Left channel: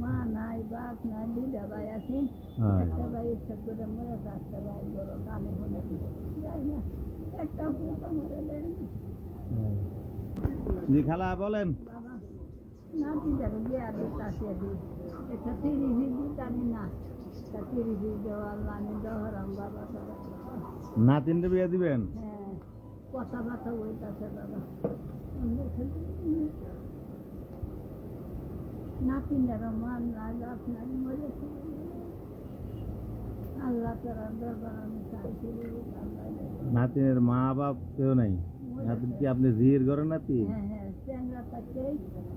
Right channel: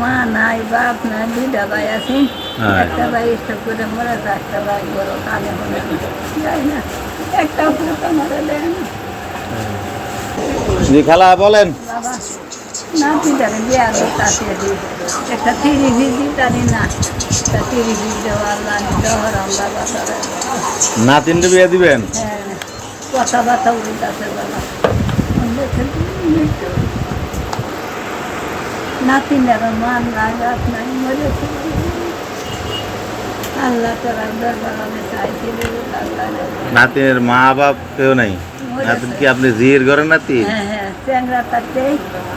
মা নাই বাপ নাই দুইটা ভাই আছে। হ্যাঁ। একটা ভাই করে মরে একটা ভাই বড় কালে হলে যাই না একটা পুরো মারা দেয় না। জি খালা বলেন। বিয়া একটা তিরি ভিজি না। একটা তিরি ভিজ দেওয়া আল্লাহ দেওয়ার আল্লাহ বাসারে নাতিনটা বিয়ে দিবেন? হ্যাঁ কথাবার্তা উল্টাছে বাবা নাতিনের মান নাই বাপ নাই মরেছে আল্লাহ তোরা দরবার আমি চাইছি রে আল্লাহ রে। নাতিনের মা বাপ কেউ নাই। নাতিন কি আপনি জির ঘরের নাতি? হ্যাঁ হ্যাঁ চ্যাংরা তাতে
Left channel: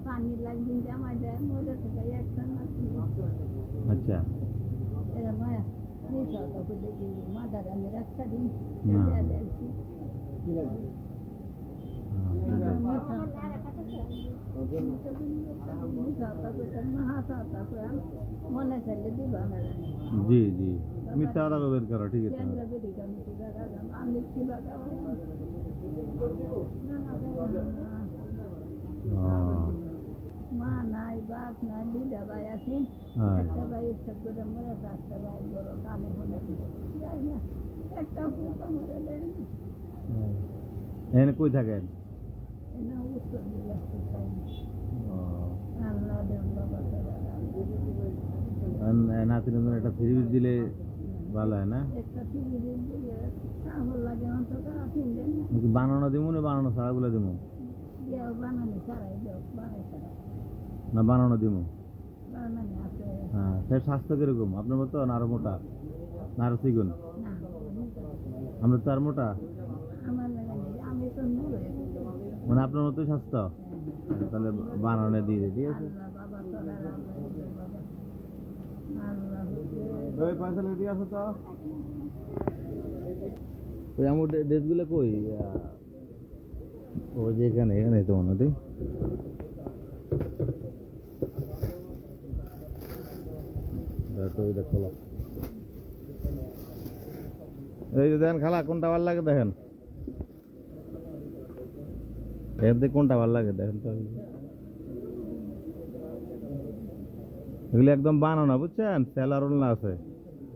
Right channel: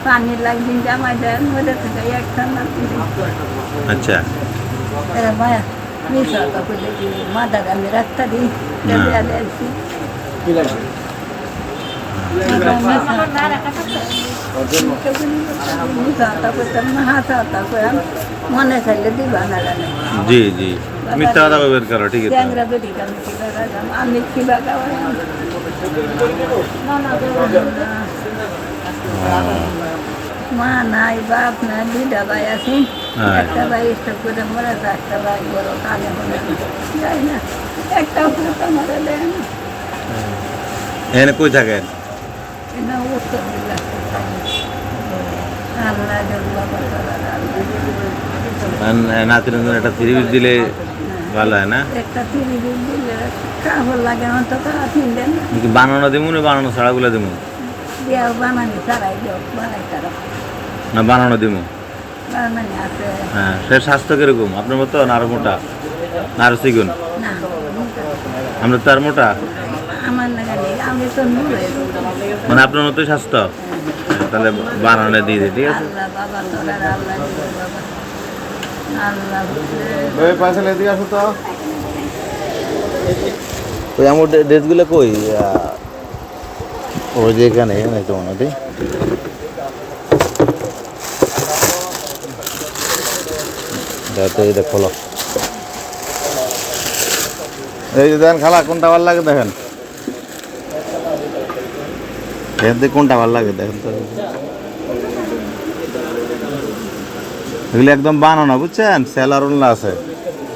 পানি লাগদিন জামাই দেন মরে থেকে একটা নাতি আচ্ছা। এরা মায়া মিস হতো বলে কি মাদার আমি রাখতে দিই। দেয়া দিয়েছি মনে চাইলে দিবা না জি জি মিথ্যা কথা বের করো ঠিক আছে। আমি মা নাই বাপ নাই দুইটা ভাই আছে। হ্যাঁ। একটা ভাই স্টক করে মরে একটা ভাই বড় কালে হলে যাই না একটা পুরো মরে দেয় না। এখানে কই থাকেন? জন্য একটা থ্রি পিস দিলে ভালো হয় না বানানো দিমু না বানানো ছাড়াগুলো দিমু না বানানো দিমু হ্যাঁ সে স্বাস্থ্য কীরকম আপনার মতো না আরও মোটা আরও আমরা তো আর মোটা আমার আমি তো মানে আপনার মতোই স্বাস্থ্য? তাহলে বানানো দিয়ে দিই ঠিক আছে? আল্লাহ বাবা তোরা আল্লাহ দিবে বাবা আল্লাহ ওই পাশে এদিকে আসো তো? ওই আমার ড্রেসগুলো কই? ওই যে এখানে এখানে তো মনে হয় যাতে এটা খোলো। এই যে দেখেন খালা কোনটা ভালো লাগে দেখেন। এখান থেকে কোনটা ভালো লাগে দেখেন তো এগুলো একদম বানানো বুঝছেন সেলার উল্লা আছে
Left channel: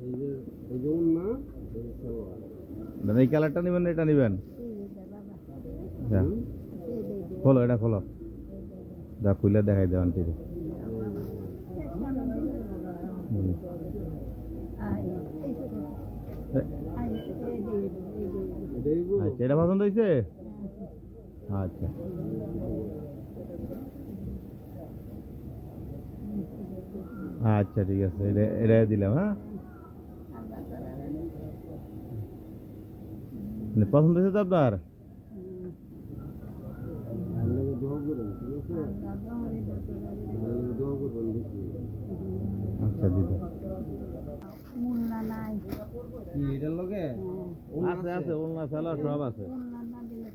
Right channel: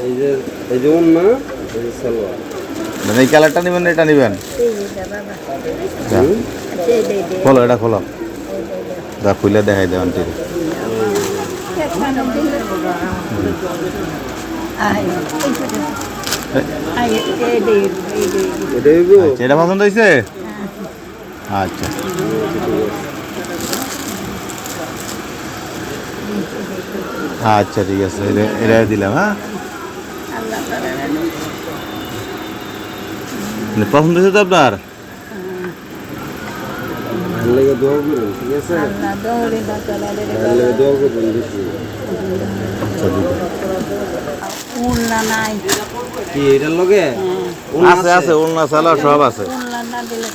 এই যে এই যে না এই যে সালোয়ার মানে এই কালারটা নেবেন এটা নেবেন খোলো এটা খোলো যা খুলে দেখাই দেবেন ঠিক আচ্ছা এটা পছন্দ হয়েছে আচ্ছা। আচ্ছা ঠিক আছে। এটা দিলাম হ্যাঁ? মানে পছন্দ হয়েছে তো আপনার? আছে? আচ্ছা উন আছে আছে? উলনা সালোয়ার সব আছে। না দিলে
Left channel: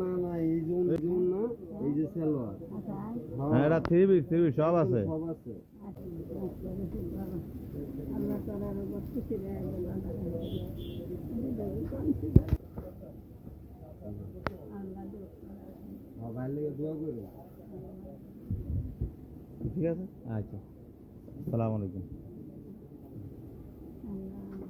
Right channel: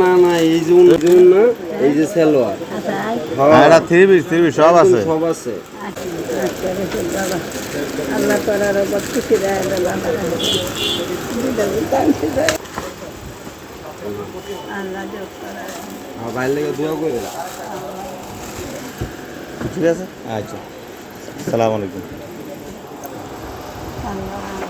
না না এই যে উন যে না এই যে সালোয়ার। আচ্ছা আই হ্যাঁ এটা থ্রি পিস থ্রি পিস সব আছে। সব আছে। আচ্ছা আল্লাহ করার ওপর খুশি দেয় আল্লাহ আর ভালো লেগে দোয়া করুন ঠিক আছে? আচ্ছা। সালাম আলাইকুম। আল্লাহ।